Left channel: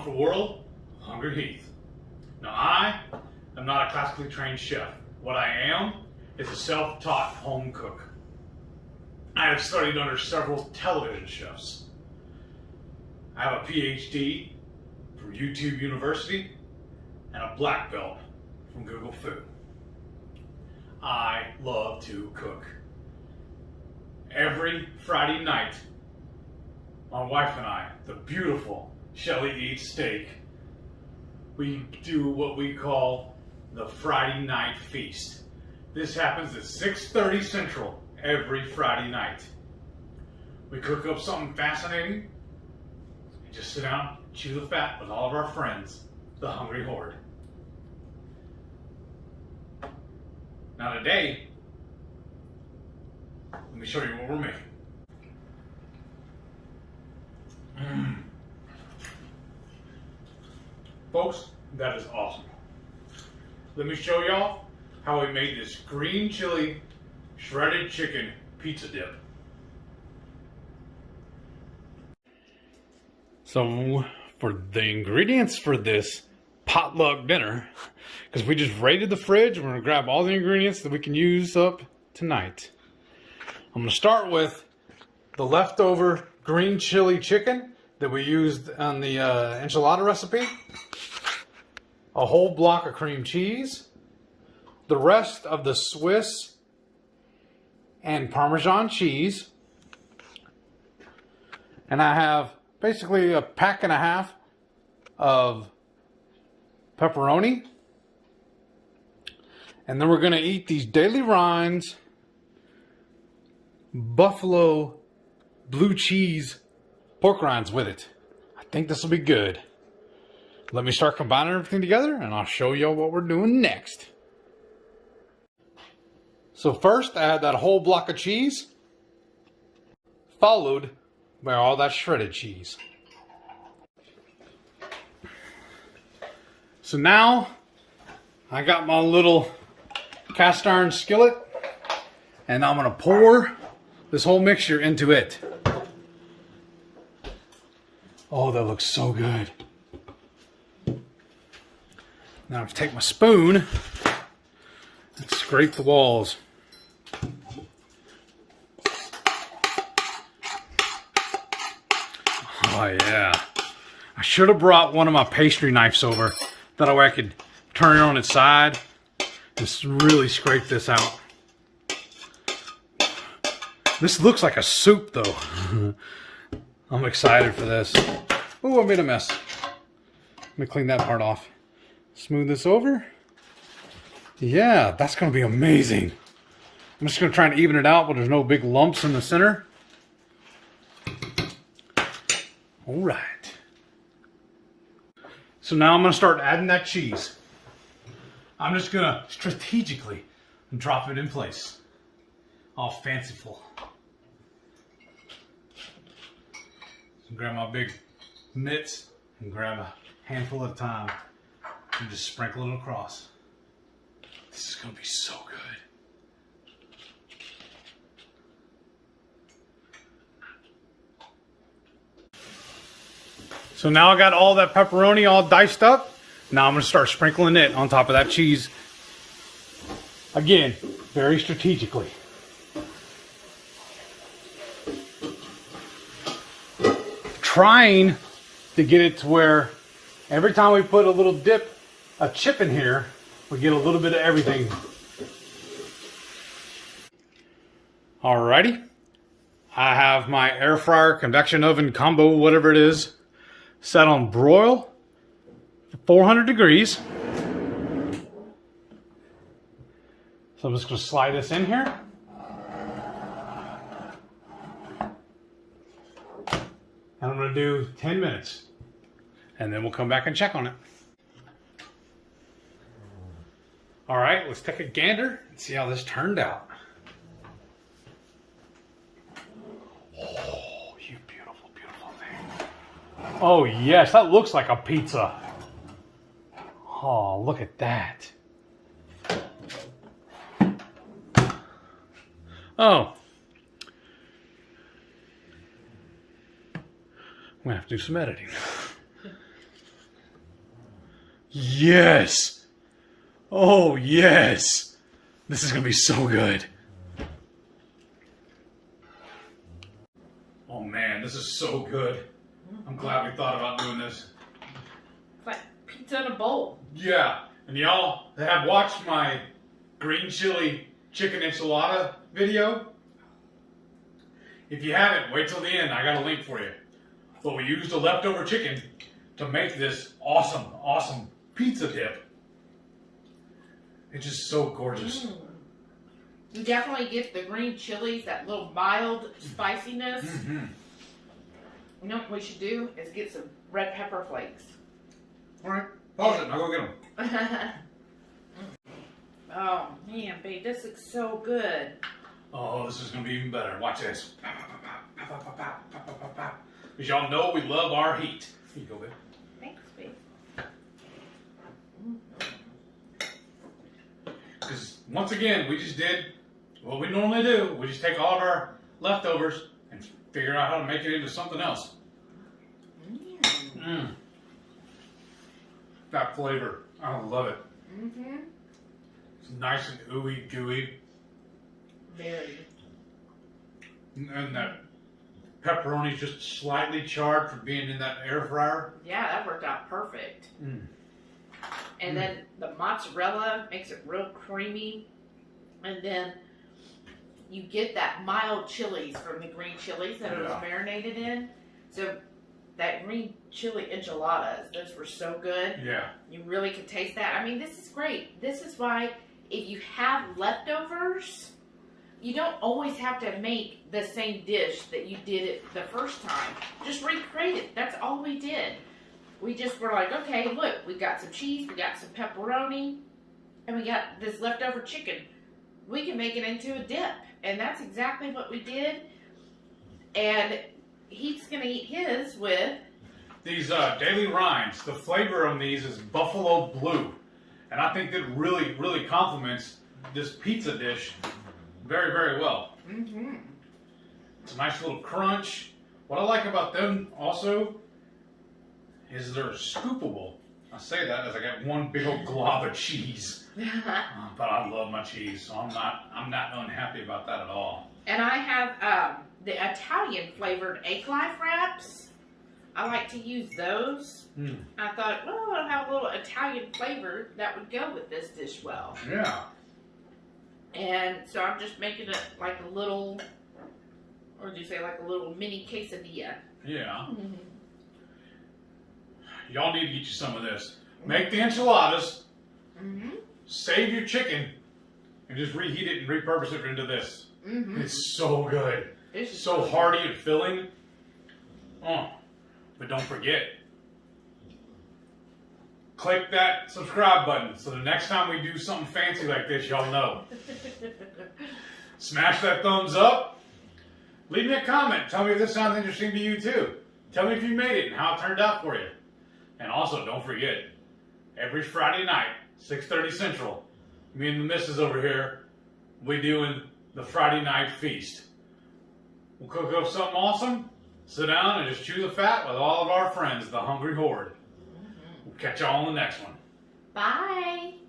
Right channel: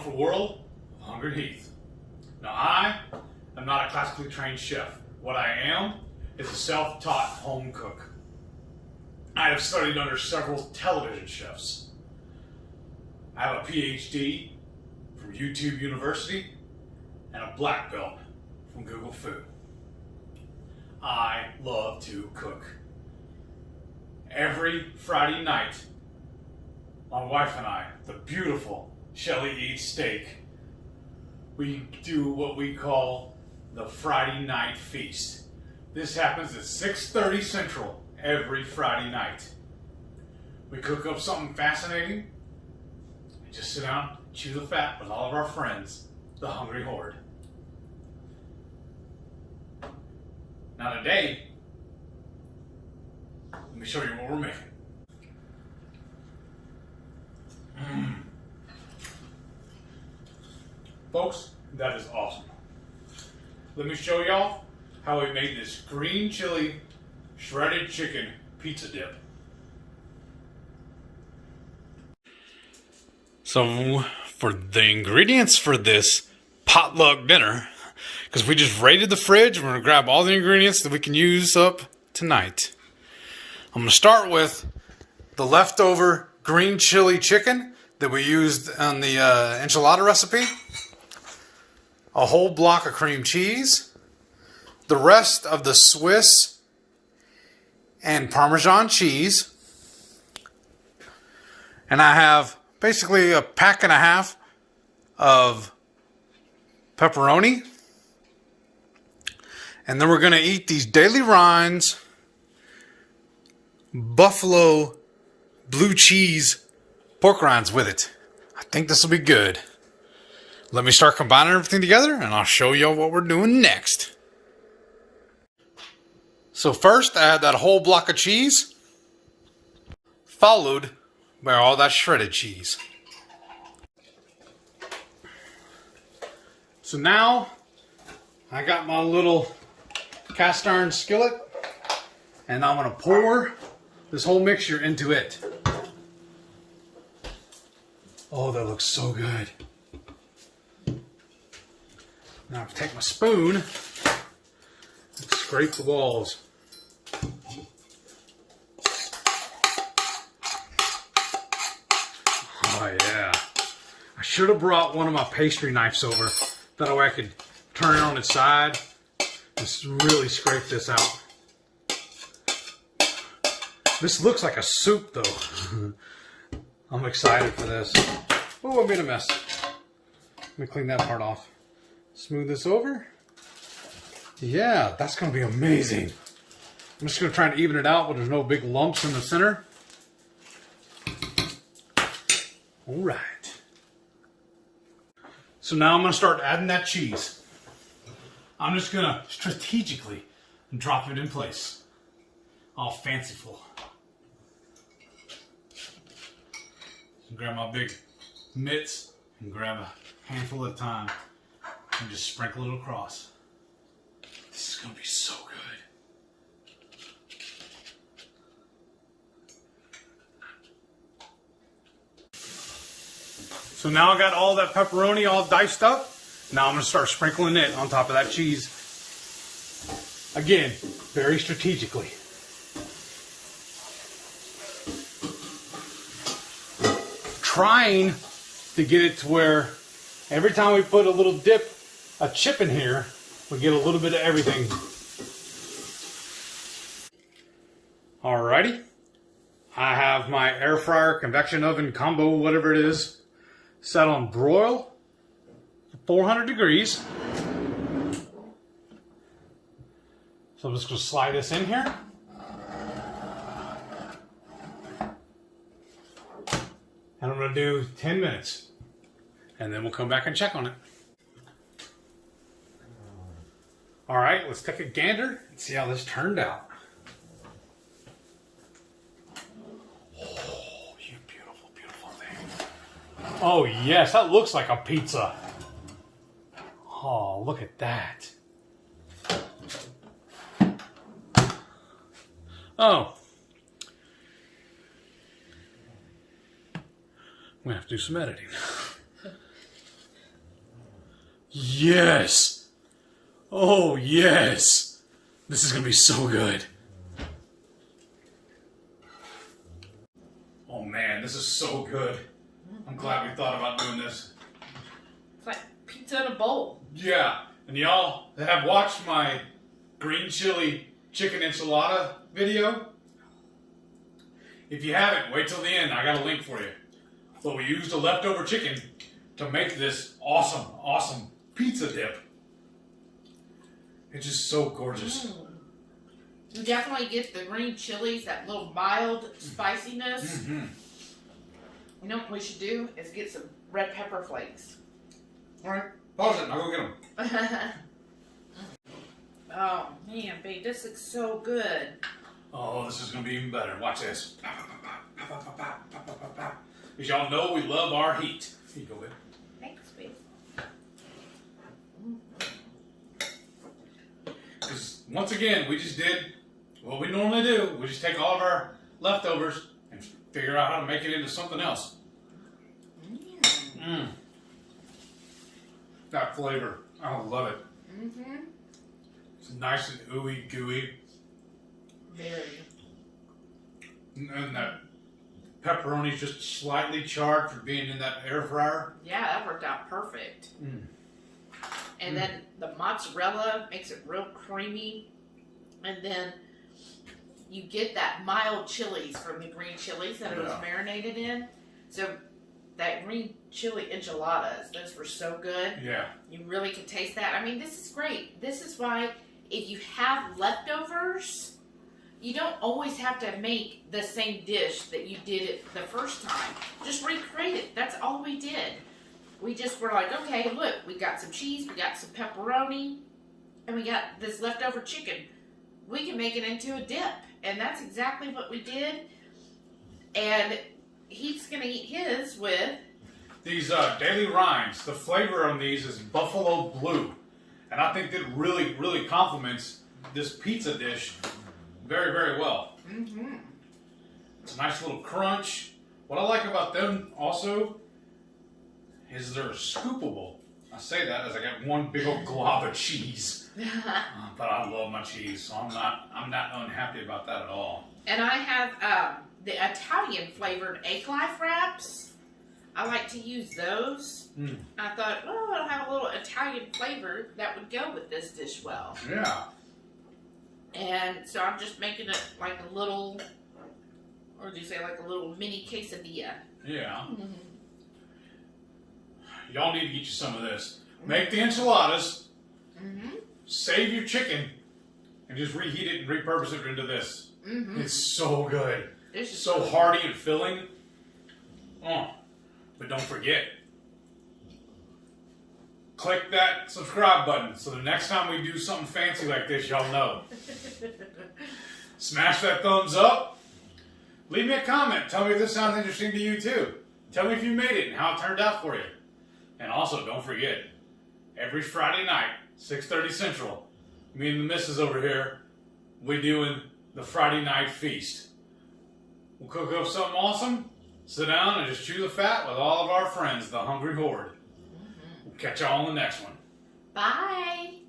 wonderful world of Hungry Heath. Now I am not a classically trained chef. What I am is a self-taught home cook. I have studied under several television chefs. I have a PhD from YouTube University and a black belt from Google Food. I love to cook. Every Friday night, my wife and I, the beautiful Shelly Eats Steak, we do what we call the Friday Night Feast. This happens at 6:30 Central every Friday night. We cook up something fascinating and just sit down, chew the fat with all of our friends, the Hungry Horde. Now today, let me show you what we're making. Folks, that is awesome. Let me show y'all how we made this green chili shredded chicken pizza dip. So for the ingredients for this potluck dinner, because we just raided the fridge, we're gonna grab all the ingredients that we can use up tonight. I'm gonna start with the leftover green chili chicken that we used on the enchilada recipe, a whole block of cream cheese, the rest of the Swiss and Parmesan cheese, and I have basically a pack and a half of pepperoni, and then we're going to eat these Daily Rhines buffalo blue cheese pork rinds with it. I think this will be good. Let me start combining everything together and I'll show y'all what we're doing next. So first I add that whole block of cheese, followed by all that shredded cheese. So now I got my little cast iron skillet and I'm gonna pour this whole mixture into it. Oh, that looks so good. Now I take my spoon and scrape the walls. Oh yeah. I should have brought one of my pastry knives over. That way I could turn it on its side and really scrape this out. This looks like a soup though. I'm excited for this. Oh, I made a mess. Let me clean that part off. Smooth this over. Yeah, that's gonna be amazing. I'm just gonna try and even it out, but there's no big lumps in the center. All right. So now I'm gonna start adding that cheese. I'm just gonna strategically drop it in place. All fanciful. Grab my big mitts and grab a handful at a time and just sprinkle it across. This is gonna be so good. So now I got all that pepperoni all diced up. Now I'm gonna start sprinkling it on top of that cheese. Again, very strategically. Trying to get it to where every time we put a little a chip in here, we get a little bit of everything. Alrighty. I have my air fryer convection oven combo, whatever it is, set on broil, 400 degrees. So I'm just going to slide this in here. And I'm going to do 10 minutes. And then we'll come back and check on it. All right, let's take a gander and see how this turned out. Oh, you beautiful, beautiful thing. Oh yes, that looks like a pizza. Oh, look at that. Oh. I'm gonna have to do some editing. Yes. Oh, yes. This is going to be so good. Oh, man, this is so good. I'm glad we thought about doing this. It's like pizza in a bowl. Yeah. And y'all have watched my green chili chicken enchilada video? If you haven't, wait till the end. I got a link for you. But we used the leftover chicken to make this awesome, awesome pizza dip. It's just so gorgeous. You definitely get the green chilies, that little mild spiciness. Mm-hmm. You know what we should do is get some red pepper flakes. All right, pause it. I'll go get them. Oh man, babe, this looks so good. Oh, this is gonna be even better. Watch this. Because y'all know we love our heat. Here you go, babe. Thanks, babe. Because once again, we just did what we normally do. We just take all of our leftovers and figure out how to make it into something else. That flavor, I love it. It's nice and ooey gooey. Very. And that pepperoni's just slightly charred for being in that air fryer. Yeah, that worked out perfect. And then the mozzarella makes it real creamy. And then you get that mild chilies from the green chilies that it was marinated in. So that green chili enchiladas, those were so good. Yeah. You really could taste that. I mean, this is great. This is why if you have leftovers, you don't always have to make the same dish that you did it the first time. Just recreate it. That's all we did. We just were like, okay, look, we got some cheese, we got some pepperoni, and we got this leftover chicken. We can make it into a dip. And that's exactly what we did. And he's going to eat his with these Daily Rinds. The flavor on these is Buffalo Blue. And I think that really, really complements this pizza dish very, very well. It's a nice little crunch. What I like about them also is they're scoopable. I say that as I got one big old glob of cheese. But I love my cheese, so I'm not unhappy about that at all. And I have the Italian flavored egg life wraps. I like to use those. I thought, well, I'll have a little Italian flavor that would go with this dish well. Yeah. And so I'm just making it like a little, or do you say like a little mini quesadilla? Yeah. Y'all need to get you some of this. Make the enchiladas. Save your chicken. And just reheat it and repurpose it into this. It's so good. It's so hearty and filling. But don't forget, click that subscribe button so the next time we do something fancy like this, y'all know. Smash that thumbs up. Leave me a comment. Tell me if this sounds interesting to you too. Tell me if you made it and how it turned out for you. And also, don't forget, every Friday night, 6:30 Central, me and the missus over here, we doing the Friday night feast. We'll cook up something awesome, sit down and just chew the fat with all of our friends, the Hungry Horde. We'll catch y'all on the next one. Bye.